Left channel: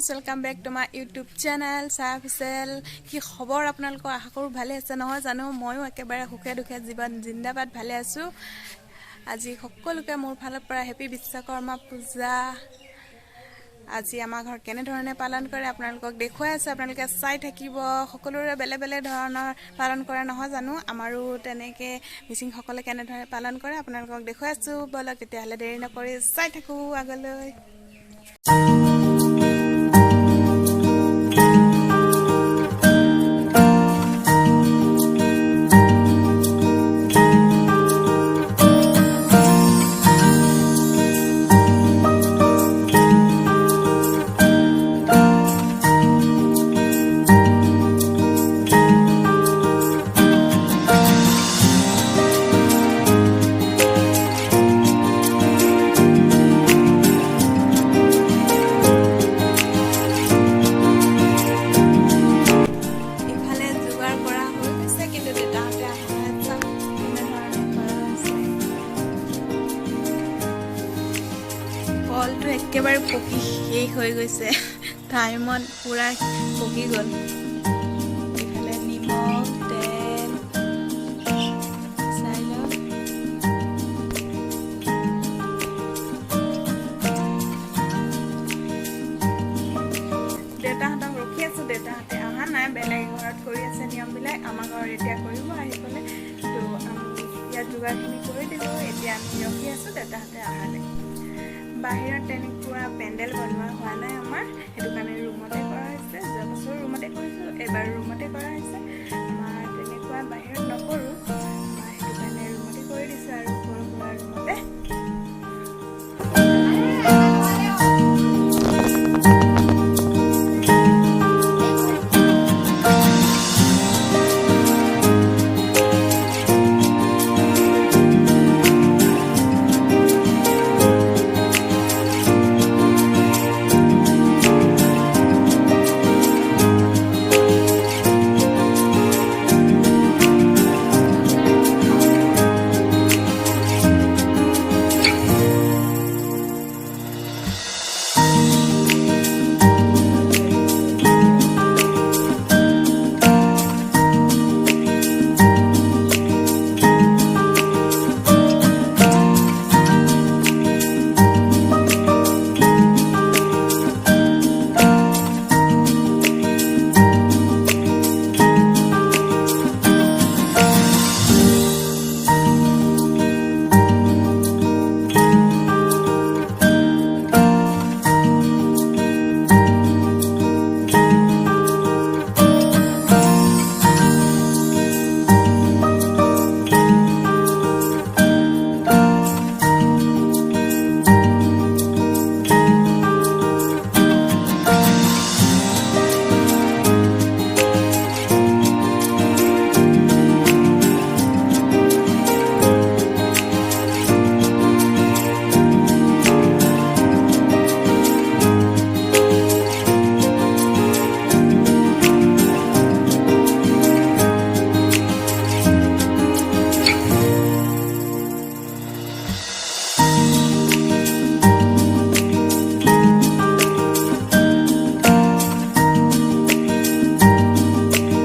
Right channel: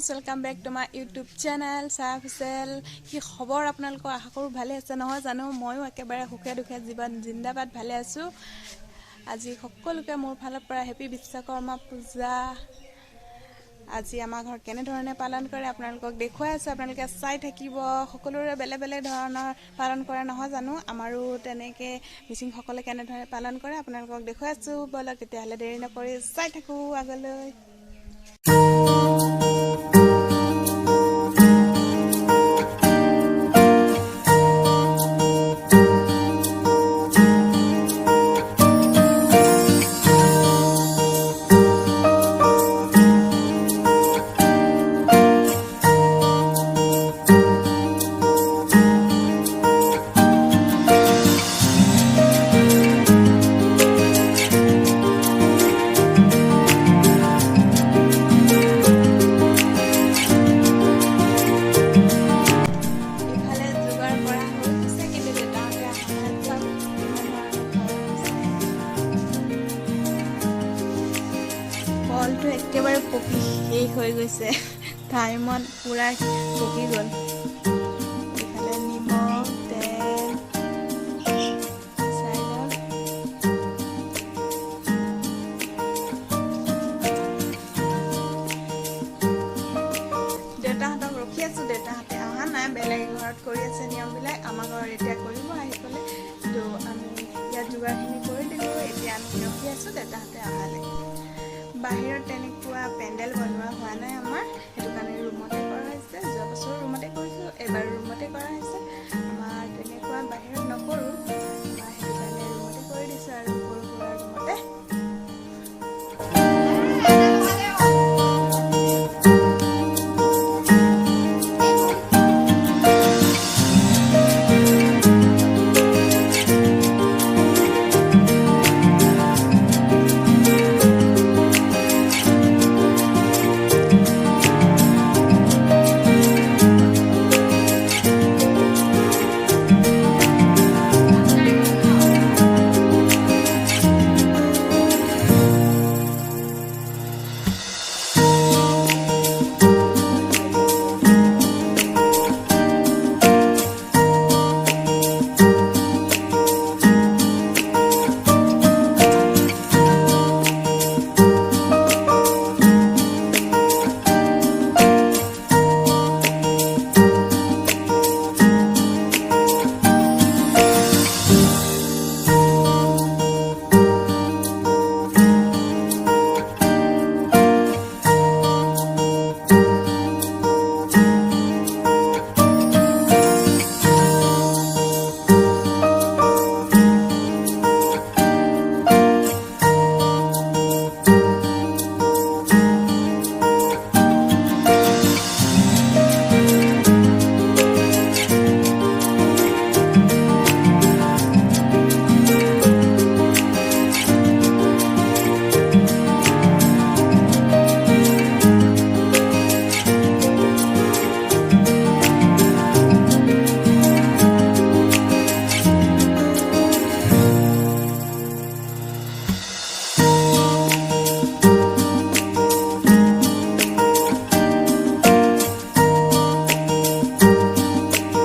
Guys welcome back to my YouTube channel Chah official. কি খবৰ আপোনালোকৰ? আশা কৰোঁ ভালে আছে নহয় জানো। ময়ো একেবাৰে সুখে দুখে জীৱন জিন্দাবাদ ভালে আছোঁ। আজি সকলোকে মোৰ ফালৰ পৰা হেপী বিশ্বকৰ্মা পূজা। আজি আমাৰ ঘৰত কেনেধৰণে পালন কৰে আপোনালোকক দেখুৱাই আছোঁ, আপোনালোকে চাই থাকিব। সকলোৰে বেলেগ বেলেগ ধৰণৰ পালন কৰে নহয় জানো। আমাৰো তেনেকৈ মিচিংসকলে কেনেধৰণে পালন কৰে আপোনালোকক দেখুৱাই আছোঁ। ব'লক তেতিয়াহ'লে দেৰি নকৰি চাই থাকোঁ আগলৈ। কলটো একেবাৰে পকি শেষ হৈ গৈছে, টাইমত পুৰা পকি গ'ল। ইফালে নিমখ তেল চাই লওক। দেউতাহঁতক ৰখি আছোঁ, দেউতাহঁতে অহা নাই, বেলেগ ঘৰত কৰি আছে নিয়মবিলাক। আমাৰ ঘৰত এতিয়া কৰিব আহি পেলাই, তো আমি ইয়াত যোগাৰখিনি কৰি দিলোঁ। এতিয়া আমি ৰখি আছোঁ দেউতাহঁতে অহালৈ। বাহিৰত তেনেকুৱা পেণ্ডেল বনোৱা হোৱা নাই আমাৰ, সেইটো কাৰণে ৰুমতে কৰা হৈছে। যোৱা বছৰ ৰুমতে কৰিছোঁ, এইবাৰ ৰুমতে কৰা হৈছে। আমাৰ তেনেকুৱা বাহিৰত নকৰোঁ, আমাৰ সেইটো কাৰণে ৰুমতে কৰি দিছোঁ আৰু সৰু সুৰা ৰুমতে।